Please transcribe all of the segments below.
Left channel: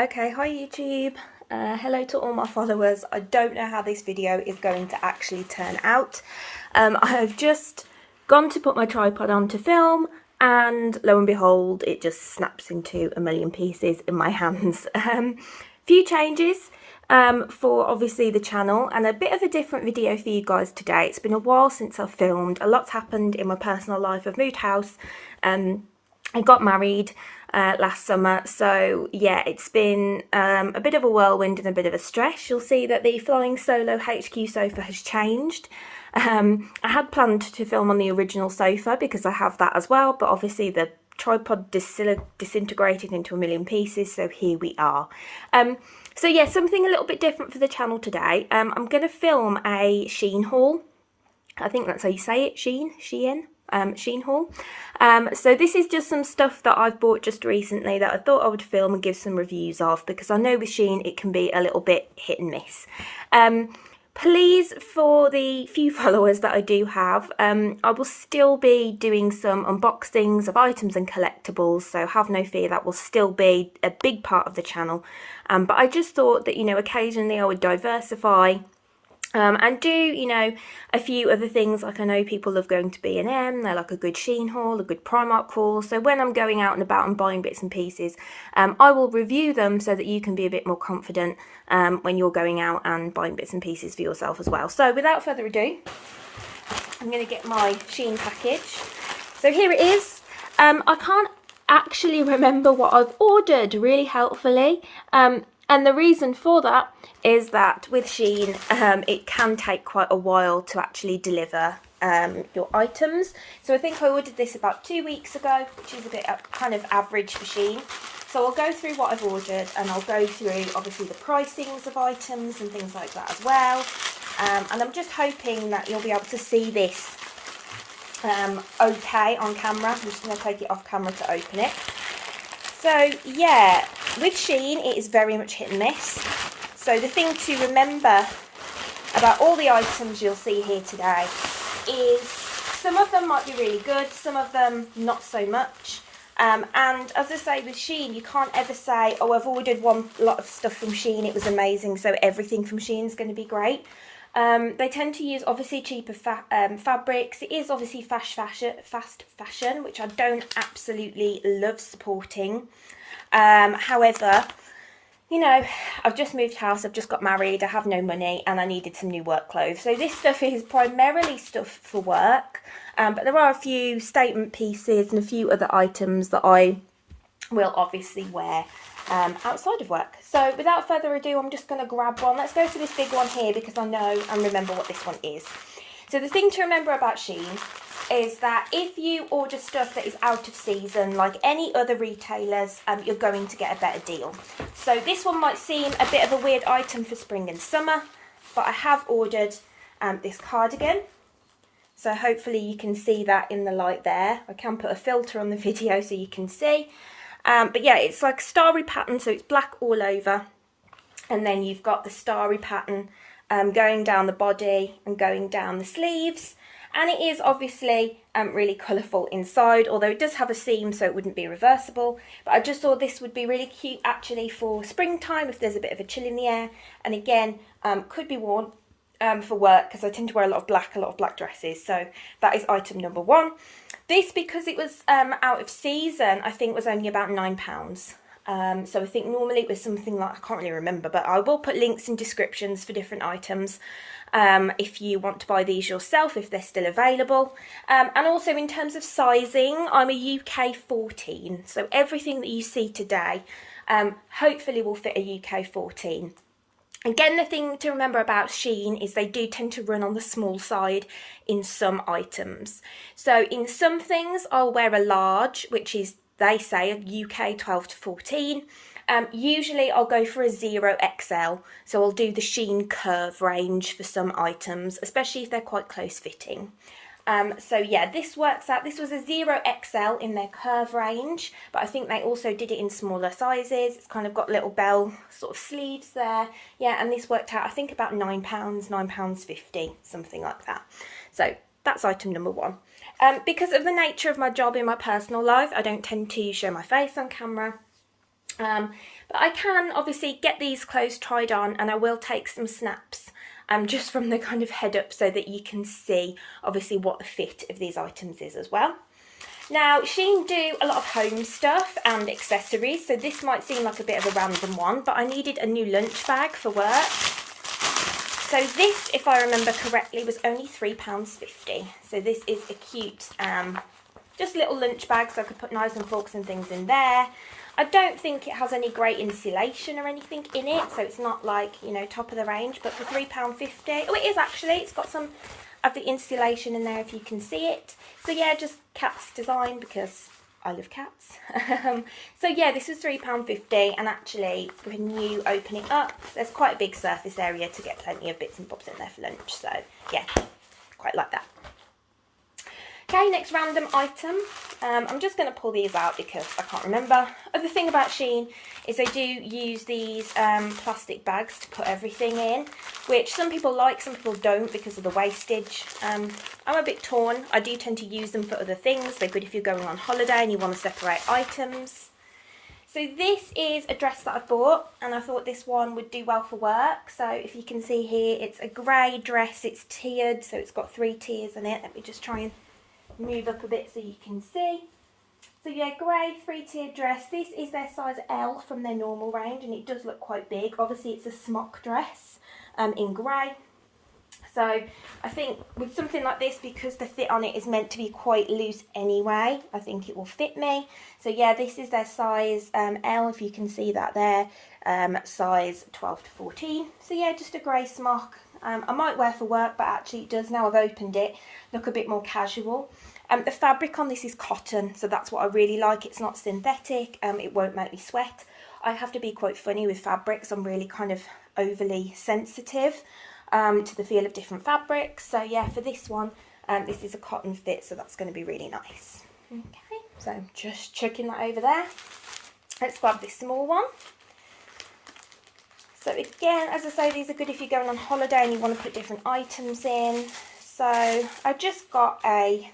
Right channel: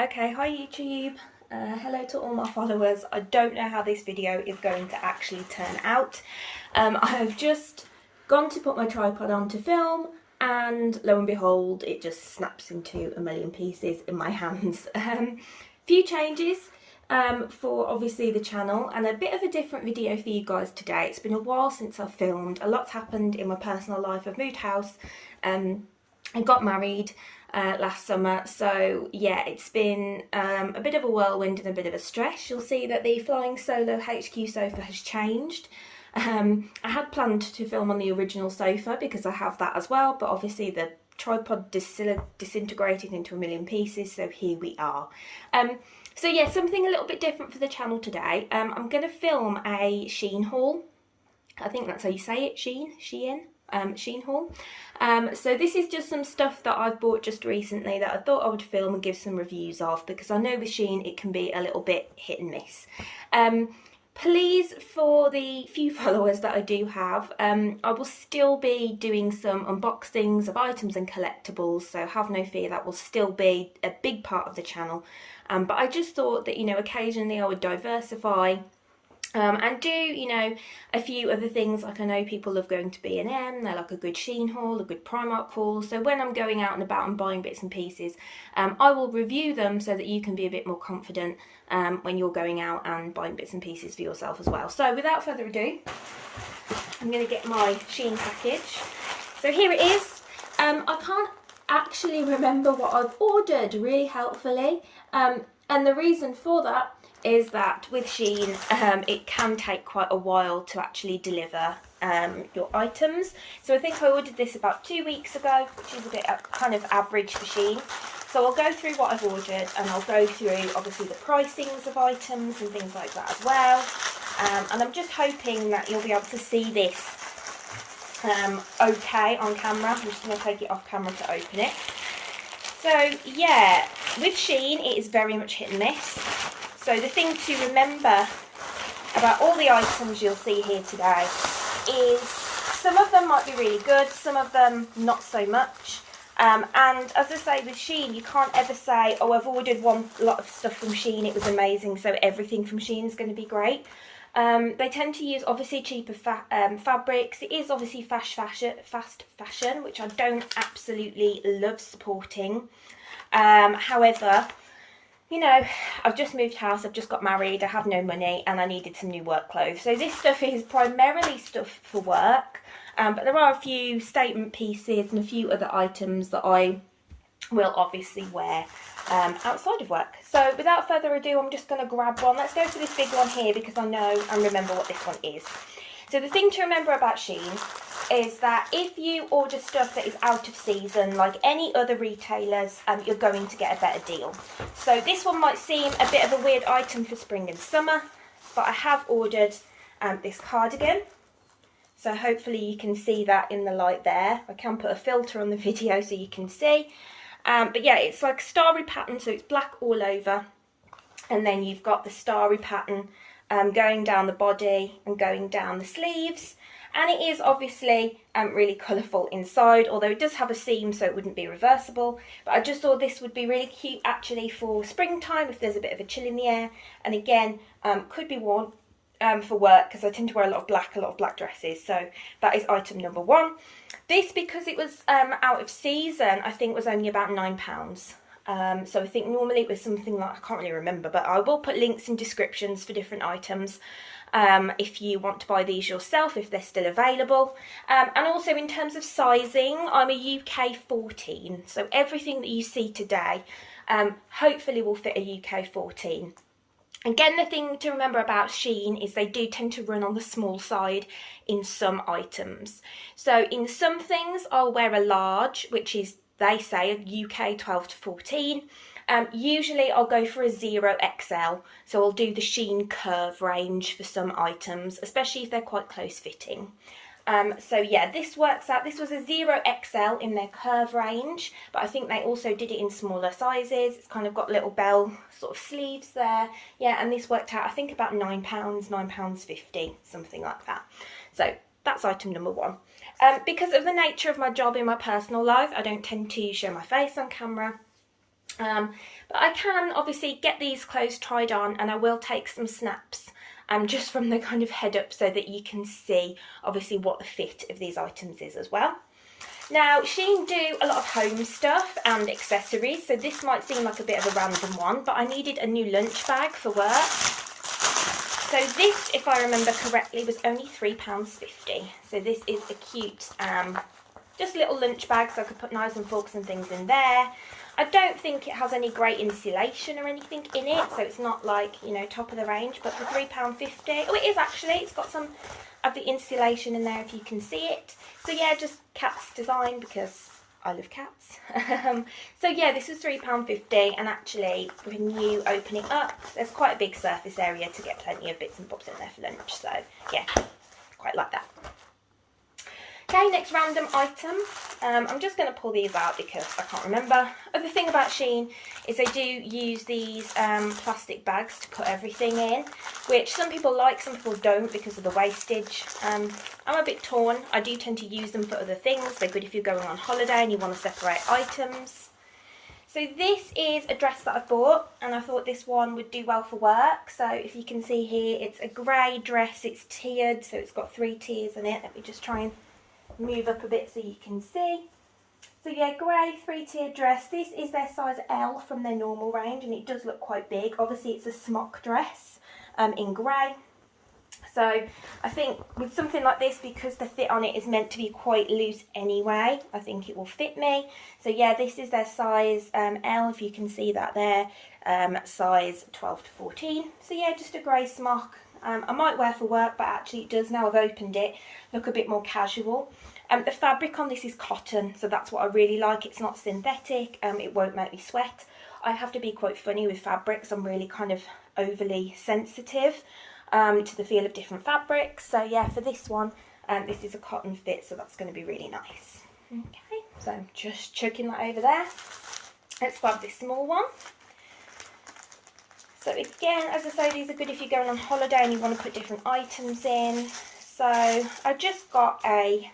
Okay, hi YouTube. Hello to all my followers. I don't know how this video is going to actually turn out. I've just gone to put my tripod on to film and lo and behold it just snaps into a million pieces in my hands. Few changes for obviously the channel and a bit of a different video for you guys today. It's been a while since I've filmed. A lot's happened in my personal life. I've moved house. I got married last summer, so yeah, it's been a bit of a whirlwind and a bit of a stress. You'll see that the Flying Solo HQ sofa has changed. I had planned to film on the original sofa because I have that as well, but obviously the tripod disintegrated into a million pieces, so here we are. So yeah, something a little bit different for the channel today. I'm going to film a Shein haul. I think that's how you say it, Shein haul. So this is just some stuff that I've bought just recently that I thought I would film and give some reviews of, because I know with Shein it can be a little bit hit and miss. Please, for the few followers that I do have, I will still be doing some unboxings of items and collectibles, so have no fear, that will still be a big part of the channel. But I just thought that, you know, occasionally I would diversify and do, you know, a few other things. Like I know people love going to B&M, they like a good Shein haul, a good Primark haul. So when I'm going out and about and buying bits and pieces, I will review them so that you can be a bit more confident when you're going out and buying bits and pieces for yourself as well. So without further ado, I'm going to get my Shein package. So here it is. I can't actually remember what I've ordered really helpfully. And the reason for that is that with Shein, it can take quite a while to actually deliver your items. So I think I ordered this about 2 weeks ago, which is a bit kind of average for Shein. So I'll go through what I've ordered and I'll go through obviously the pricings of items and things like that as well. And I'm just hoping that you'll be able to see this okay on camera. I'm just going to take it off camera to open it. So yeah, with Shein it is very much hit and miss. So the thing to remember about all the items you'll see here today is some of them might be really good, some of them not so much. And as I say with Shein, you can't ever say, oh, I've ordered one lot of stuff from Shein, it was amazing, so everything from Shein is going to be great. They tend to use obviously cheaper fabrics. It is obviously fast fashion, which I don't absolutely love supporting. However, you know, I've just moved house, I've just got married, I have no money and I needed some new work clothes. So this stuff is primarily stuff for work, but there are a few statement pieces and a few other items that I will obviously wear outside of work. So without further ado, I'm just going to grab one. Let's go for this big one here because I know and remember what this one is. So the thing to remember about Shein is that if you order stuff that is out of season, like any other retailers, you're going to get a better deal. So this one might seem a bit of a weird item for spring and summer, but I have ordered this cardigan. So hopefully you can see that in the light there. I can put a filter on the video so you can see. But yeah, it's like starry pattern, so it's black all over. And then you've got the starry pattern going down the body and going down the sleeves. And it is obviously really colourful inside, although it does have a seam so it wouldn't be reversible. But I just thought this would be really cute actually for springtime if there's a bit of a chill in the air. And again, could be worn for work because I tend to wear a lot of black dresses. So that is item number one. This, because it was out of season, I think was only about £9. So I think normally it was something like, I can't really remember, but I will put links in descriptions for different items if you want to buy these yourself, if they're still available. And also in terms of sizing, I'm a UK 14, so everything that you see today hopefully will fit a UK 14. Again, the thing to remember about Shein is they do tend to run on the small side in some items. So in some things I'll wear a large, which is, they say, a UK 12 to 14. Usually I'll go for a 0XL, so I'll do the Shein curve range for some items, especially if they're quite close fitting. So yeah, this works out. This was a 0XL in their curve range, but I think they also did it in smaller sizes. It's kind of got little bell sort of sleeves there. Yeah, and this worked out, I think, about £9, £9.50, something like that. So that's item number one. Because of the nature of my job in my personal life, I don't tend to show my face on camera. But I can obviously get these clothes tried on, and I will take some snaps just from the kind of head up so that you can see obviously what the fit of these items is as well. Now, Shein do a lot of home stuff and accessories, so this might seem like a bit of a random one, but I needed a new lunch bag for work. So this, if I remember correctly, was only £3.50. So this is a cute, just little lunch bag, so I could put knives and forks and things in there. I don't think it has any great insulation or anything in it, so it's not like, you know, top of the range, but for £3.50, oh, it is actually, it's got some of the insulation in there if you can see it. So yeah, just Cat's design because I love cats. So yeah, this was £3.50, and actually when you open it up, there's quite a big surface area to get plenty of bits and bobs in there for lunch. So yeah, quite like that. Okay, next random item. I'm just going to pull these out because I can't remember. The thing about Shein is they do use these plastic bags to put everything in, which some people like, some people don't because of the wastage. I'm a bit torn. I do tend to use them for other things. They're good if you're going on holiday and you want to separate items. So this is a dress that I've bought, and I thought this one would do well for work. So if you can see here, it's a grey dress. It's tiered, so it's got 3 tiers in it. Let me just try and move up a bit so you can see. So yeah, grey 3-tier dress. This is their size L from their normal range, and it does look quite big. Obviously it's a smock dress in grey. So I think with something like this, because the fit on it is meant to be quite loose anyway, I think it will fit me. So yeah, this is their size L, if you can see that there, size 12 to 14. So yeah, just a grey smock. I might wear for work, but actually it does, now I've opened it, look a bit more casual. The fabric on this is cotton, so that's what I really like. It's not synthetic, it won't make me sweat. I have to be quite funny with fabrics. I'm really kind of overly sensitive to the feel of different fabrics. So yeah, for this one, this is a cotton fit, so that's going to be really nice. Okay, so I'm just chucking that over there. Let's grab this small one. So again, as I say, these are good if you're going on holiday and you want to put different items in. So I just got a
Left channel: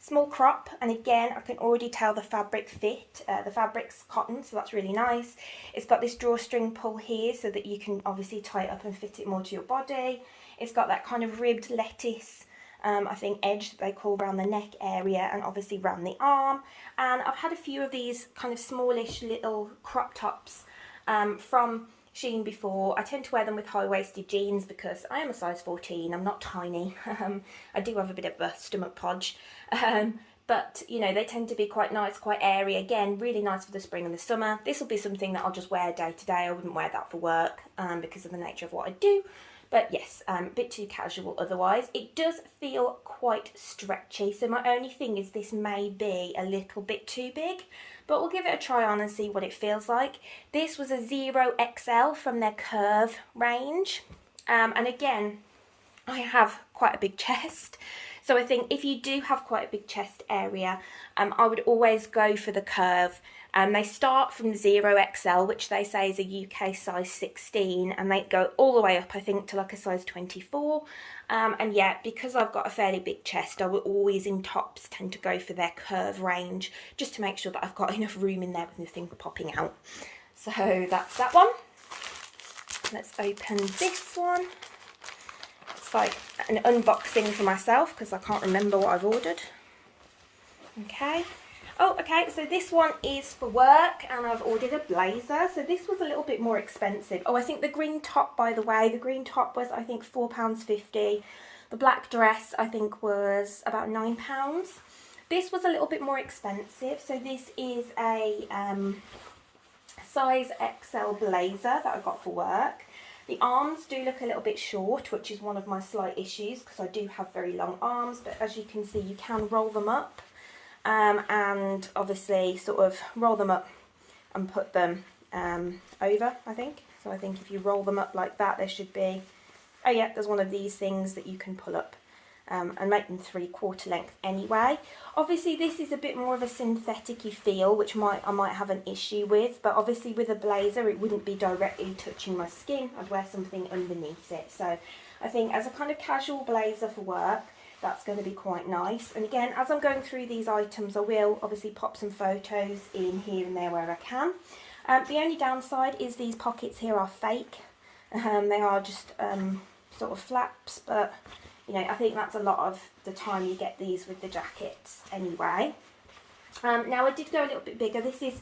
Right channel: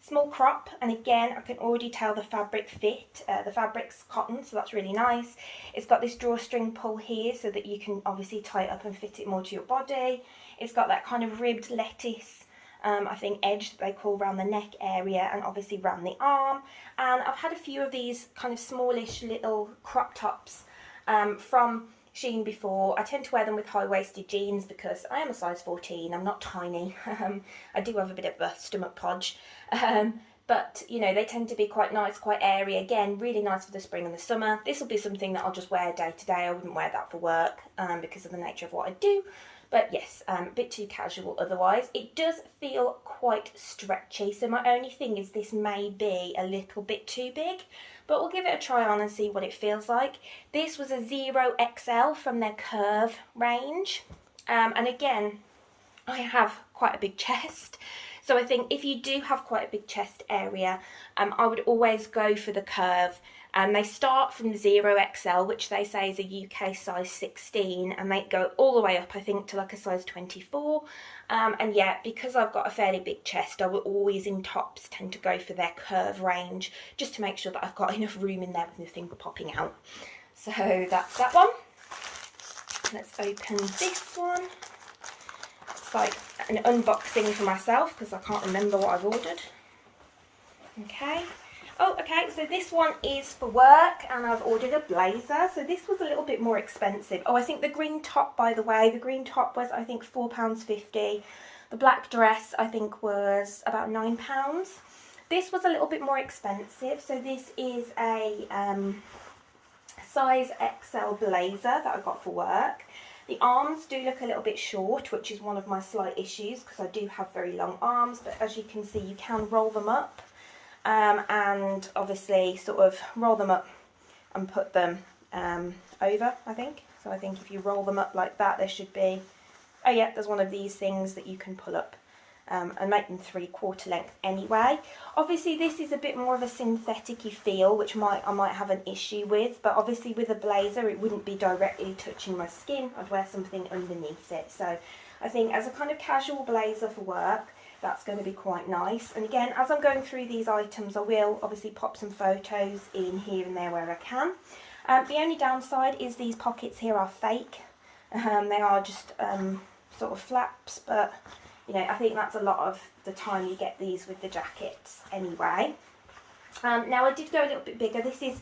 small crop, and again, I can already tell the fabric fit. The fabric's cotton, so that's really nice. It's got this drawstring pull here so that you can obviously tie it up and fit it more to your body. It's got that kind of ribbed lettuce, I think, edge that they call around the neck area, and obviously around the arm. And I've had a few of these kind of smallish little crop tops from Shein before. I tend to wear them with high-waisted jeans because I am a size 14, I'm not tiny. I do have a bit of a stomach podge, but you know, they tend to be quite nice, quite airy. Again, really nice for the spring and the summer. This will be something that I'll just wear day to day. I wouldn't wear that for work because of the nature of what I do. But yes, a bit too casual otherwise. It does feel quite stretchy, so my only thing is this may be a little bit too big, but we'll give it a try on and see what it feels like. This was a 0XL from their Curve range, and again, I have quite a big chest, so I think if you do have quite a big chest area, I would always go for the Curve. They start from 0XL, which they say is a UK size 16, and they go all the way up, I think, to like a size 24. And yeah, because I've got a fairly big chest, I will always in tops tend to go for their Curve range, just to make sure that I've got enough room in there with nothing popping out. So that's that one. Let's open this one. It's like an unboxing for myself because I can't remember what I've ordered. Okay. Oh, okay, so this one is for work, and I've ordered a blazer. So this was a little bit more expensive. Oh, I think the green top, by the way, the green top was, I think, £4.50. The black dress, I think, was about £9. This was a little bit more expensive. So this is a size XL blazer that I got for work. The arms do look a little bit short, which is one of my slight issues because I do have very long arms, but as you can see, you can roll them up. And obviously sort of roll them up and put them over, I think. So I think if you roll them up like that, there should be, oh yeah, there's one of these things that you can pull up and make them 3/4 length anyway. Obviously this is a bit more of a synthetic-y feel, which I might have an issue with, but obviously with a blazer it wouldn't be directly touching my skin. I'd wear something underneath it. So I think as a kind of casual blazer for work, that's going to be quite nice. And again, as I'm going through these items, I will obviously pop some photos in here and there where I can. The only downside is these pockets here are fake. They are just sort of flaps, but you know, I think that's a lot of the time you get these with the jackets anyway. Now I did go a little bit bigger. This is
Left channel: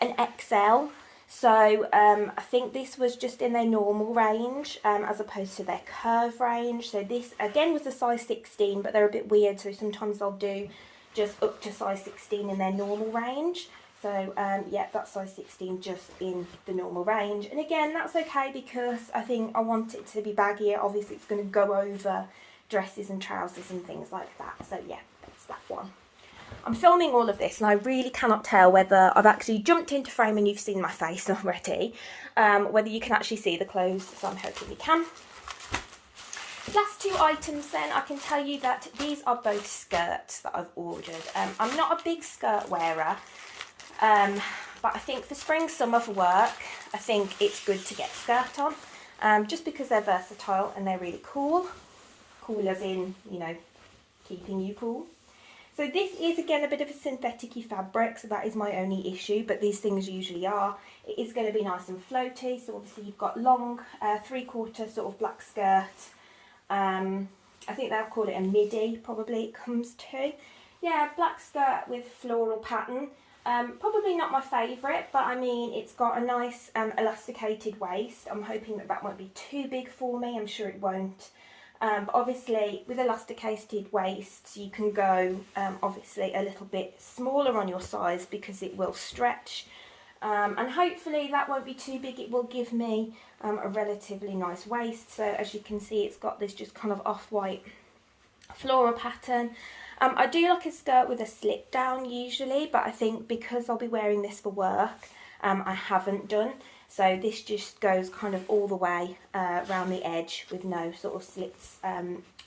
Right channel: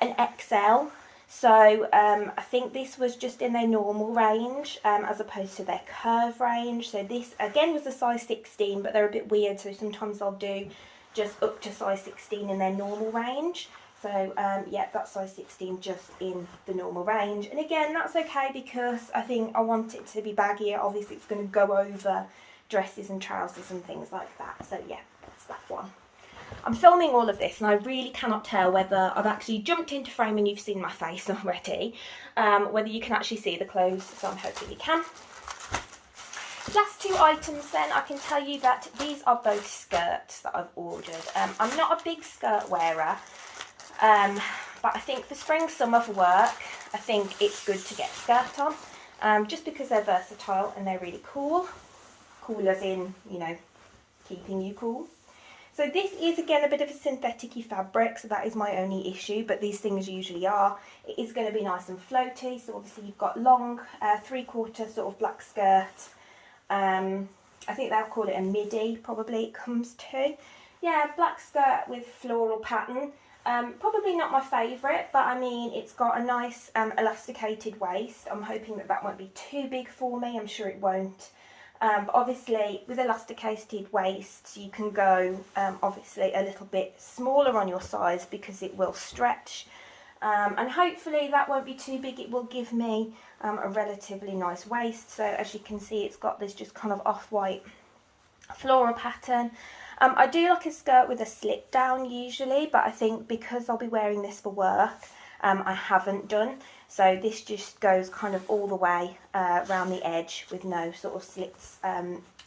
an XL, so I think this was just in their normal range as opposed to their curve range. So this again was a size 16, but they're a bit weird, so sometimes I'll do just up to size 16 in their normal range. So yeah, that's size 16 just in the normal range, and again that's okay because I think I want it to be baggier. Obviously it's going to go over dresses and trousers and things like that, so yeah, that's that one. I'm filming all of this and I really cannot tell whether I've actually jumped into frame and you've seen my face already, whether you can actually see the clothes, so I'm hoping you can. Last two items then, I can tell you that these are both skirts that I've ordered. I'm not a big skirt wearer, but I think for spring summer for work, I think it's good to get a skirt on, just because they're versatile and they're really cool. Cool as in, you know, keeping you cool. So this is again a bit of a synthetic-y fabric, so that is my only issue, but these things usually are. It is going to be nice and floaty, so obviously you've got long 3/4 sort of black skirt. I think they'll call it a midi, probably it comes to. Yeah, black skirt with floral pattern. Probably not my favourite, but I mean it's got a nice elasticated waist. I'm hoping that that won't be too big for me, I'm sure it won't. But obviously with elasticated waists you can go obviously a little bit smaller on your size because it will stretch, and hopefully that won't be too big. It will give me a relatively nice waist. So as you can see, it's got this just kind of off-white floral pattern. I do like a skirt with a slip down usually, but I think because I'll be wearing this for work, I haven't done. So this just goes kind of all the way around the edge with no sort of slits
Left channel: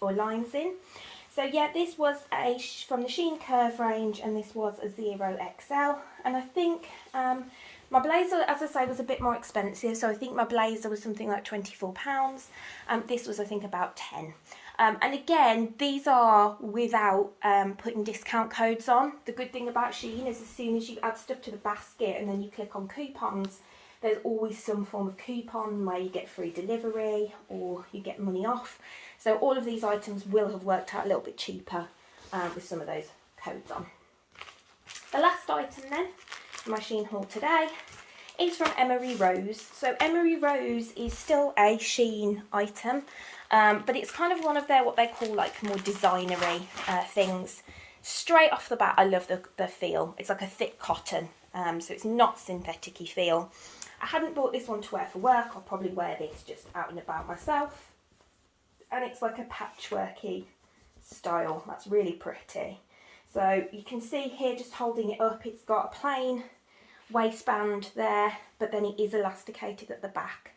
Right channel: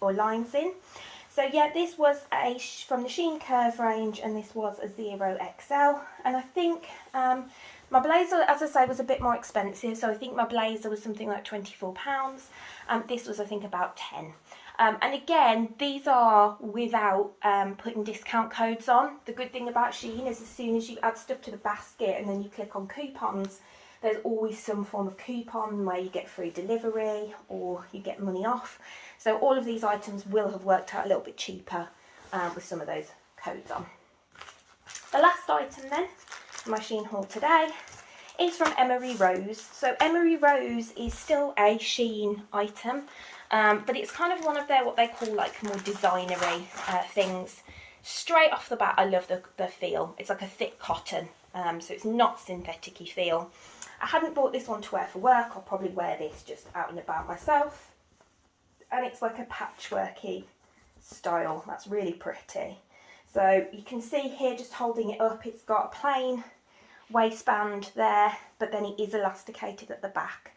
or lines in. So yeah, this was from the Shein Curve range, and this was a 0XL. And I think my blazer, as I say, was a bit more expensive. So I think my blazer was something like £24. This was, I think, about 10. And again, these are without putting discount codes on. The good thing about Shein is as soon as you add stuff to the basket and then you click on coupons, there's always some form of coupon where you get free delivery or you get money off. So all of these items will have worked out a little bit cheaper with some of those codes on. The last item then, my Shein haul today, is from Emery Rose. So Emery Rose is still a Shein item, but it's kind of one of their, what they call like more designery things. Straight off the bat, I love the feel. It's like a thick cotton, so it's not synthetic-y feel. I hadn't bought this one to wear for work. I'll probably wear this just out and about myself. And it's like a patchworky style. That's really pretty. So you can see here, just holding it up, it's got a plain waistband there, but then it is elasticated at the back.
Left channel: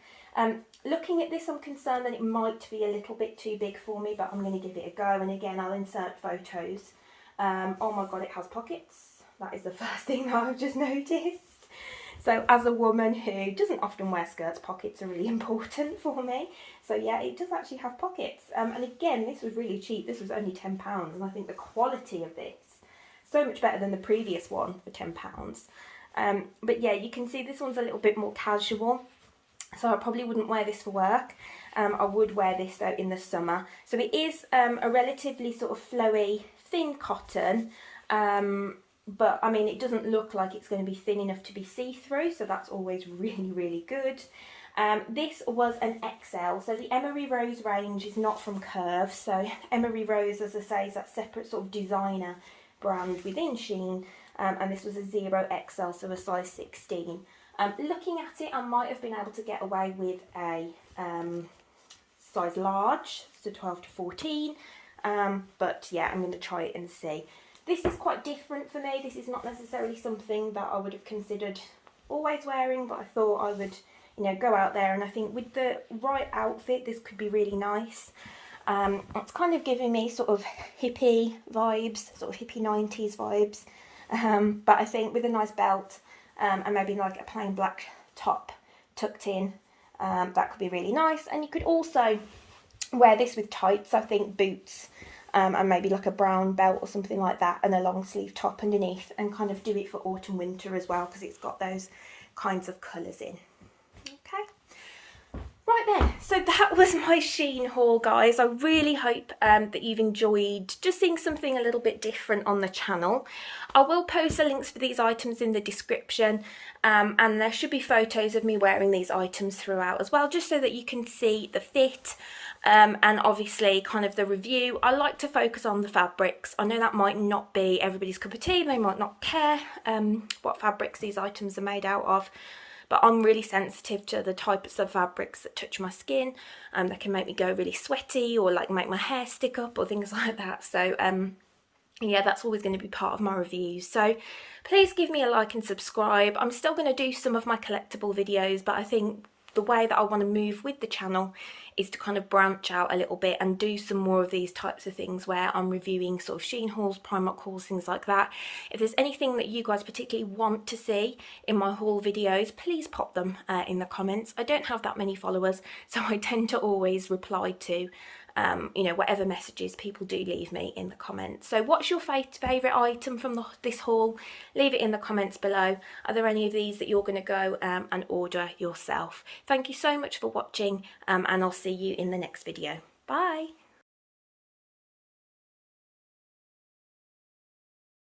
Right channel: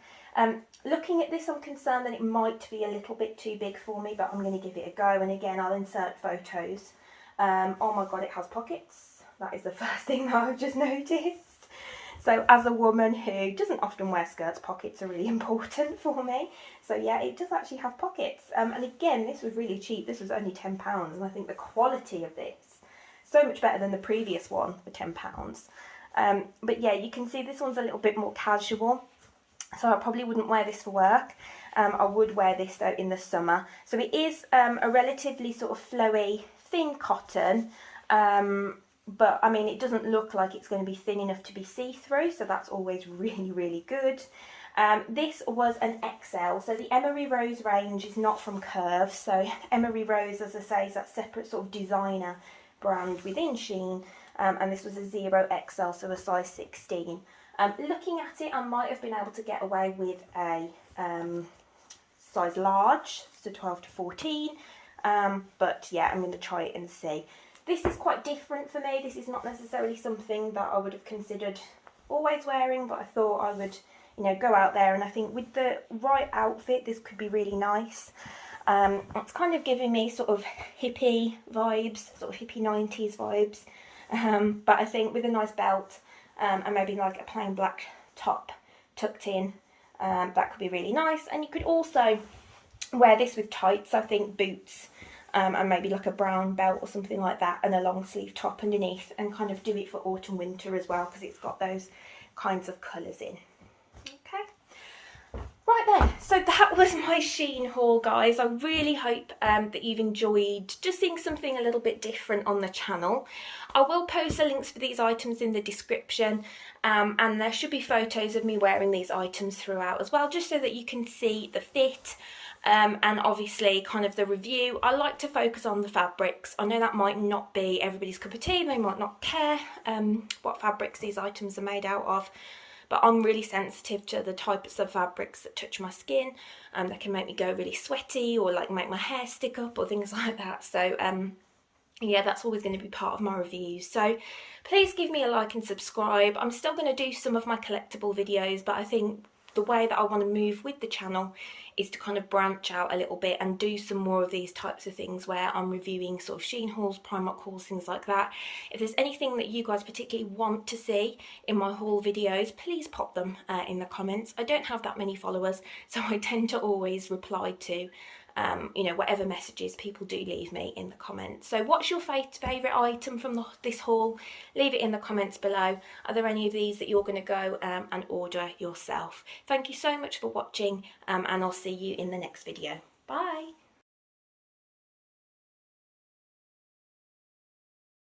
Looking at this, I'm concerned that it might be a little bit too big for me, but I'm going to give it a go. And again, I'll insert photos. Oh my God, it has pockets. That is the first thing that I've just noticed. So as a woman who doesn't often wear skirts, pockets are really important for me. So yeah, it does actually have pockets. And again, this was really cheap. This was only £10. And I think the quality of this, so much better than the previous one for £10. But yeah, you can see this one's a little bit more casual. So I probably wouldn't wear this for work. I would wear this though in the summer. So it is a relatively sort of flowy, thin cotton. But I mean, it doesn't look like it's going to be thin enough to be see-through, so that's always really, really good. This was an XL, so the Emery Rose range is not from Curve. So Emery Rose, as I say, is that separate sort of designer brand within Shein, and this was a 0XL, so a size 16. Looking at it, I might have been able to get away with a size large, so 12 to 14, but yeah, I'm going to try it and see. This is quite different for me. This is not necessarily something that I would have considered always wearing, but I thought I would, you know, go out there, and I think with the right outfit, this could be really nice. It's kind of giving me sort of hippie vibes, sort of hippie 90s vibes, but I think with a nice belt and maybe like a plain black top tucked in, that could be really nice. And you could also wear this with tights, I think boots, and maybe like a brown belt or something like that, and a long sleeve top underneath, and kind of do it for autumn winter as well, because it's got those kinds of colours in. Okay. Right then, so that was my Shein haul, guys. I really hope that you've enjoyed just seeing something a little bit different on the channel. I will post the links for these items in the description, and there should be photos of me wearing these items throughout as well, just so that you can see the fit and obviously kind of the review. I like to focus on the fabrics. I know that might not be everybody's cup of tea, they might not care what fabrics these items are made out of, but I'm really sensitive to the types of fabrics that touch my skin, that can make me go really sweaty or like make my hair stick up or things like that. So yeah, that's always going to be part of my reviews. So please give me a like and subscribe. I'm still going to do some of my collectible videos, but I think the way that I want to move with the channel is to kind of branch out a little bit and do some more of these types of things where I'm reviewing sort of Shein hauls, Primark hauls, things like that. If there's anything that you guys particularly want to see in my haul videos, please pop them in the comments. I don't have that many followers, so I tend to always reply to you know, whatever messages people do leave me in the comments. So what's your favourite item from this haul? Leave it in the comments below. Are there any of these that you're going to go and order yourself? Thank you so much for watching, and I'll see you in the next video.